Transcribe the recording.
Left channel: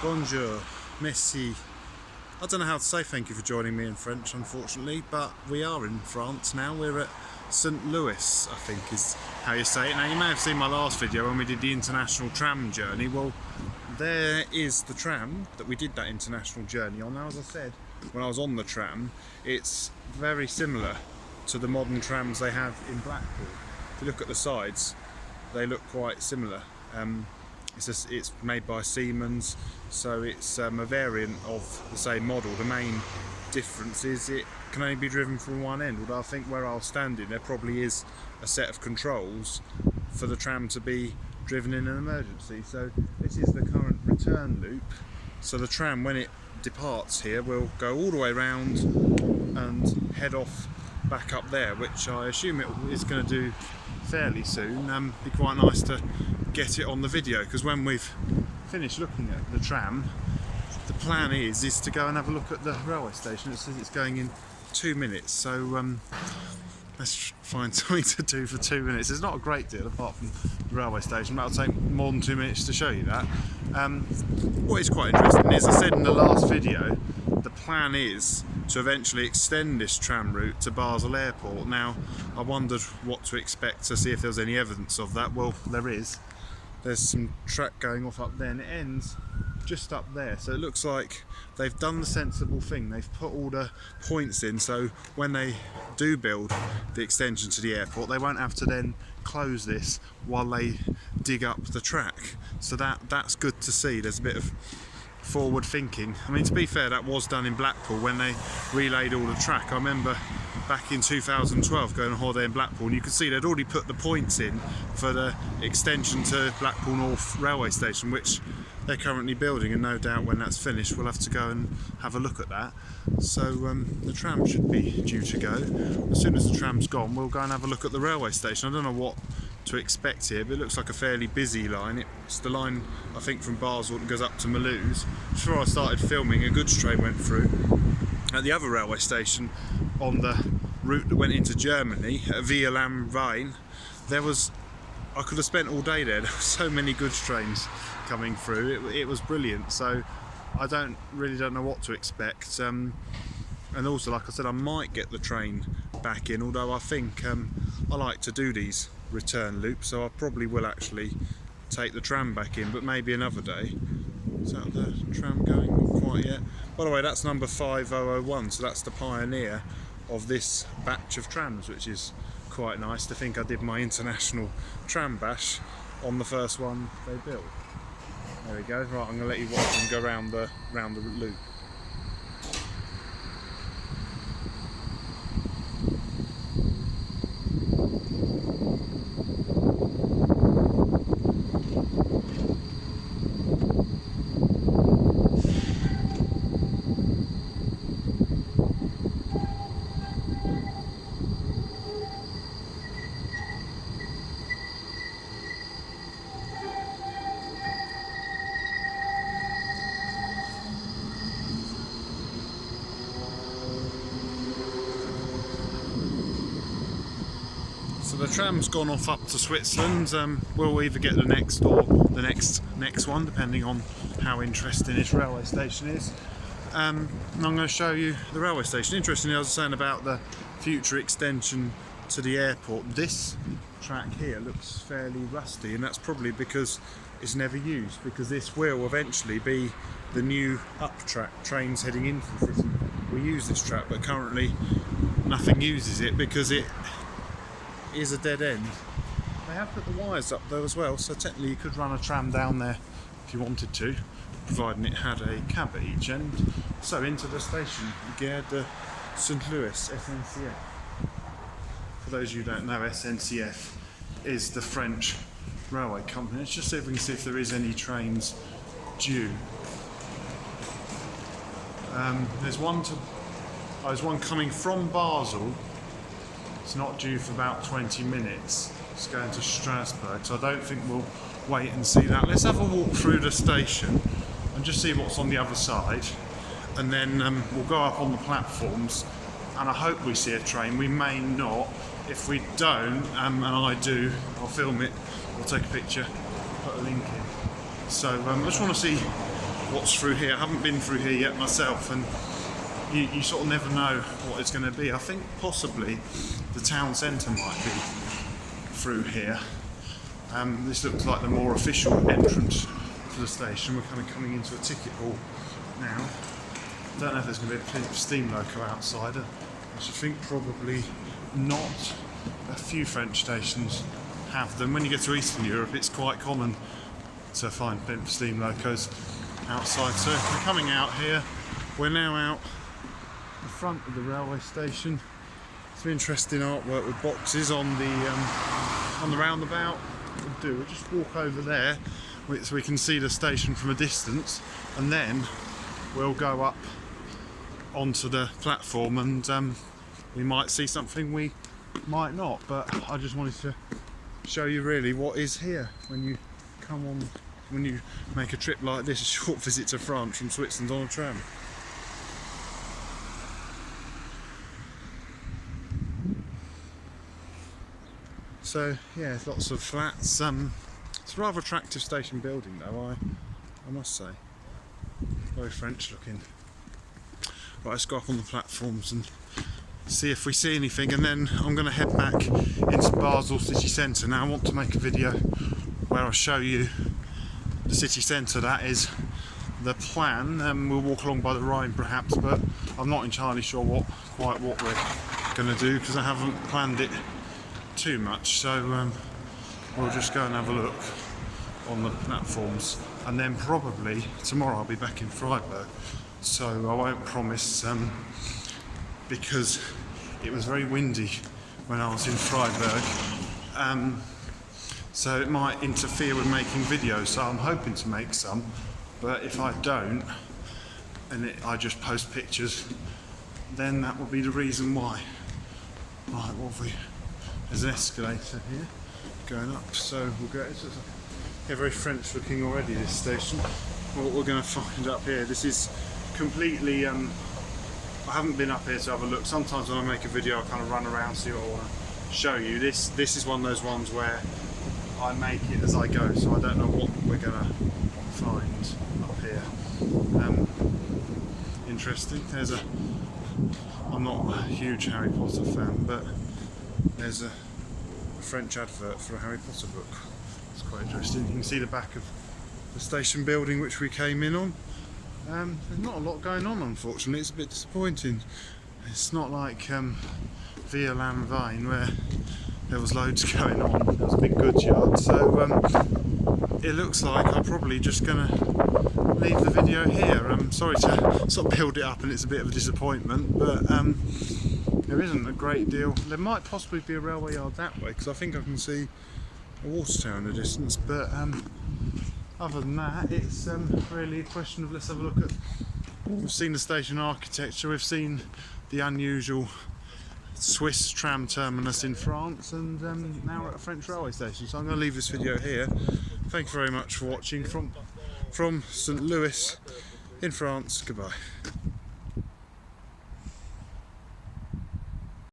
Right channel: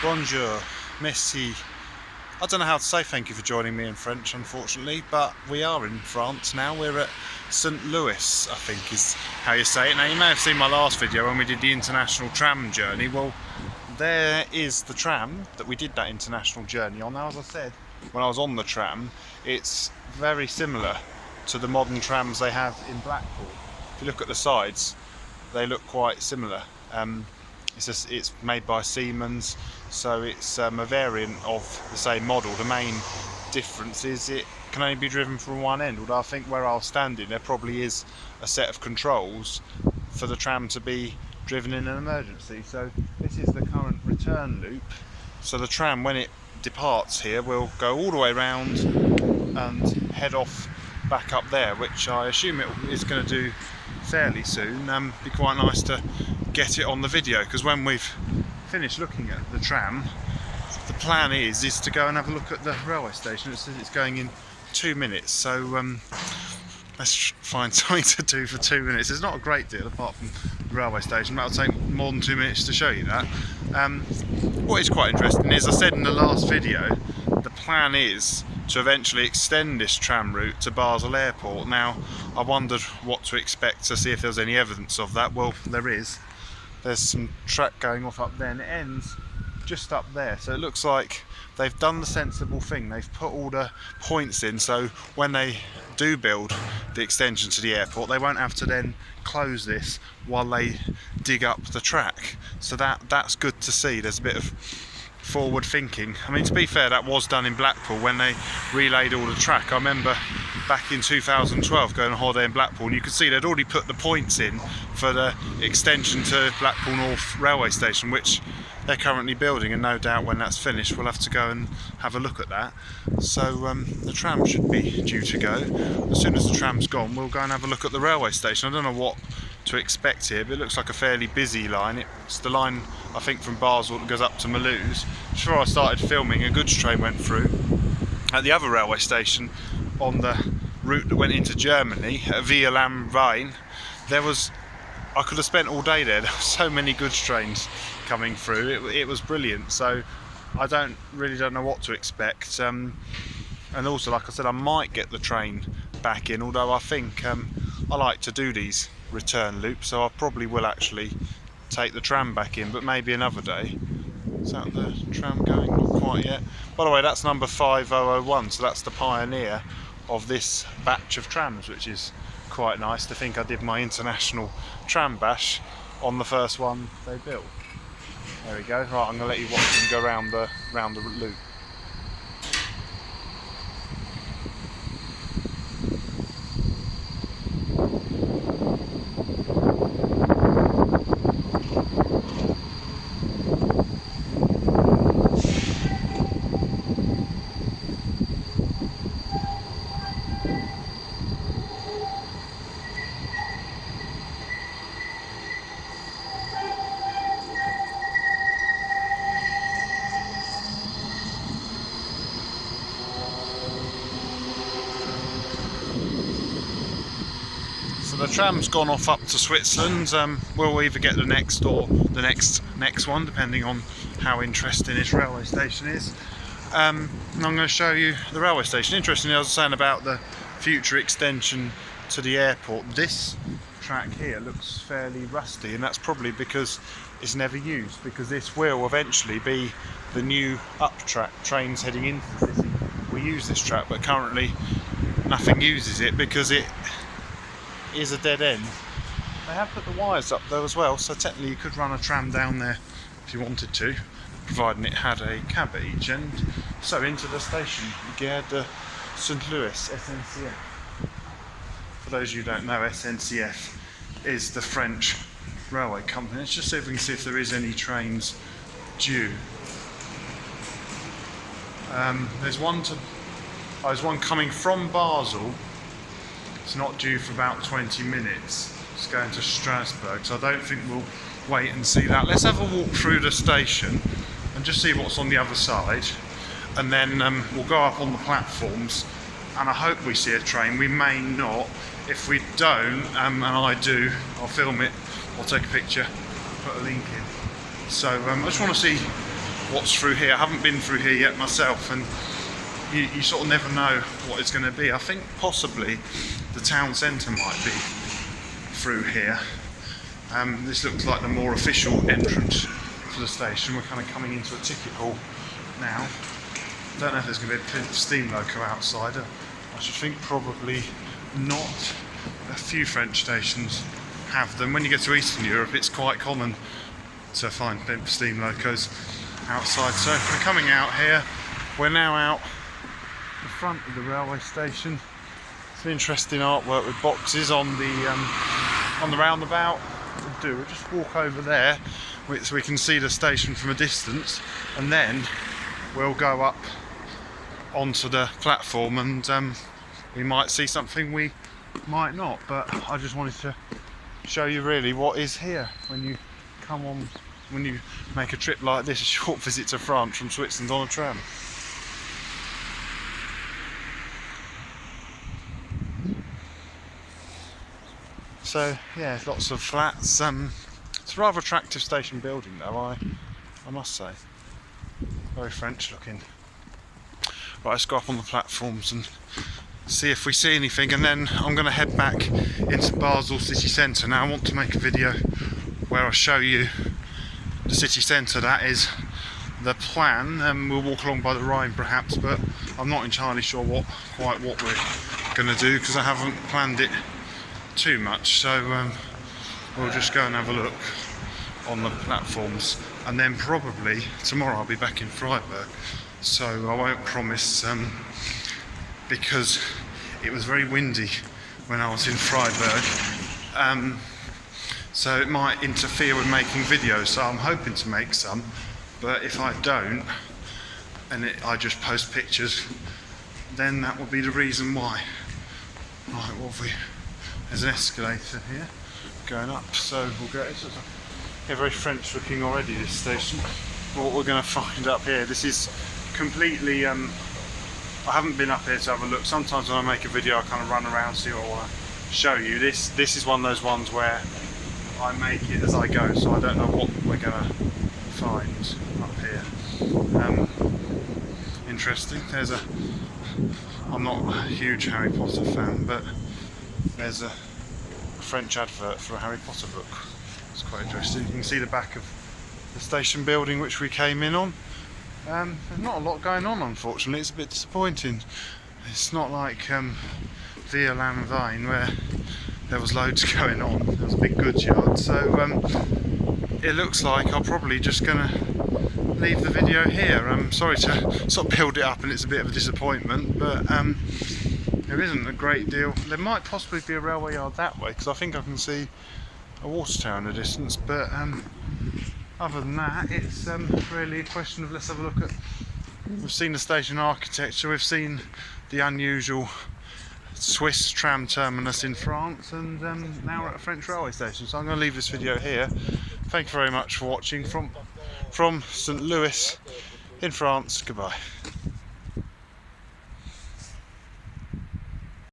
Bonjour, merci. I don't know how to say thank you for joining me in French, unfortunately, but we are in France now. We're at St. Louis, I think is how you say it. Now, you may have seen my last video when we did the international tram journey. Well, there is the tram that we did that international journey on. Now, as I said, when I was on the tram, it's very similar to the modern trams they have in Blackpool. If you look at the sides, they look quite similar. It's made by Siemens, so it's a variant of the same model. The main difference is it can only be driven from one end, although I think where I was standing there probably is a set of controls for the tram to be driven in an emergency. So this is the current return loop. So the tram, when it departs here, will go all the way around and head off back up there, which I assume it is going to do fairly soon. Be quite nice to get it on the video, because when we've finished looking at the tram, the plan is to go and have a look at the railway station. It says it's going in 2 minutes, so let's find something to do for 2 minutes. There's not a great deal apart from the railway station, but it'll take more than 2 minutes to show you that. What is quite interesting is, I said in the last video, the plan is to eventually extend this tram route to Basel Airport. Now, I wondered what to expect, to see if there was any evidence of that. Well, there is. There's some track going off up there, and it ends just up there. So it looks like they've done the sensible thing. They've put all the points in, so when they do build the extension to the airport, they won't have to then close this while they dig up the track. So that's good to see. There's a bit of forward thinking. I mean, to be fair, that was done in Blackpool when they relayed all the track. I remember back in 2012 going on holiday in Blackpool, and you could see they'd already put the points in for the extension to Blackpool North railway station, which they're currently building, and no doubt when that's finished we'll have to go and have a look at that. So the tram should be due to go. As soon as the tram's gone, we'll go and have a look at the railway station. I don't know what to expect here, but it looks like a fairly busy line. It's the line, I think, from Basel that goes up to Mulhouse. Before I started filming, a goods train went through. At the other railway station on the route that went into Germany, at Via Lam Rhein, I could have spent all day there. There were so many goods trains coming through. It was brilliant. So I really don't know what to expect. And also, like I said, I might get the train back in, although I think I like to do these return loops, so I probably will actually take the tram back in, but maybe another day. Is that the tram going? Not quite yet. By the way, that's number 5001, so that's the pioneer of this batch of trams, which is quite nice to think I did my international tram bash on the first one they built. There we go. Right, I'm going to let you watch them go round the loop. The tram's gone off up to Switzerland. We'll either get the next or the next one, depending on how interesting this railway station is. And I'm going to show you the railway station. Interestingly, I was saying about the future extension to the airport. This track here looks fairly rusty, and that's probably because it's never used, because this will eventually be the new up track. Trains heading into the city will use this track, but currently nothing uses it because it is a dead end. They have put the wires up though as well, so technically you could run a tram down there if you wanted to, providing it had a cab at each end. So into the station, Gare de St. Louis, SNCF. For those of you who don't know, SNCF is the French railway company. Let's just see if we can see if there is any trains due. There's one coming from Basel. It's not due for about 20 minutes. It's going to Strasbourg, so I don't think we'll wait and see that. Let's have a walk through the station and just see what's on the other side, and then we'll go up on the platforms, and I hope we see a train. We may not. If we don't, and I do, I'll film it or take a picture, put a link in. So I just want to see what's through here. I haven't been through here yet myself, and you sort of never know what it's going to be. I think possibly the town centre might be through here. This looks like the more official entrance to the station. We're kind of coming into a ticket hall now. I don't know if there's going to be a steam loco outside. I should think probably not. A few French stations have them. When you get to Eastern Europe, it's quite common to find steam locos outside. So we're coming out here. We're now out the front of the railway station. Some interesting artwork with boxes on the roundabout. We'll just walk over there so we can see the station from a distance, and then we'll go up onto the platform, and we might see something, we might not, but I just wanted to show you really what is here when you make a trip like this, a short visit to France from Switzerland on a tram. So yeah, there's lots of flats. It's a rather attractive station building though, I must say. Very French looking. Right, let's go up on the platforms and see if we see anything, and then I'm going to head back into Basel city centre. Now I want to make a video where I show you the city centre. That is the plan. We'll walk along by the Rhine perhaps, but I'm not entirely sure quite what we're going to do because I haven't planned it too much, so we'll just go and have a look on the platforms, and then probably tomorrow I'll be back in Freiburg, so I won't promise because it was very windy when I was in Freiburg, so it might interfere with making videos, so I'm hoping to make some, but if I don't and I just post pictures, then that will be the reason why. Right, what have we? There's an escalator here going up, so we'll go. It's very French looking already, this station. But what we're going to find up here, this is completely, I haven't been up here to have a look. Sometimes when I make a video I kind of run around, see what I want to show you. This is one of those ones where I make it as I go, so I don't know what we're going to find up here. Interesting. I'm not a huge Harry Potter fan, but there's a French advert for a Harry Potter book. It's quite interesting. You can see the back of the station building which we came in on. There's not a lot going on, unfortunately. It's a bit disappointing. It's not like Via Lanvine where there was loads going on. There was a big goods yard. So it looks like I'm probably just going to leave the video here. I'm sorry to sort of build it up and it's a bit of a disappointment, but there isn't a great deal. There might possibly be a railway yard that way because I think I can see a water tower in the distance, but other than that it's really a question of, let's have a look at, we've seen the station architecture, we've seen the unusual Swiss tram terminus in France, and now we're at a French railway station. So I'm going to leave this video here. Thank you very much for watching from St. Louis in France. Goodbye.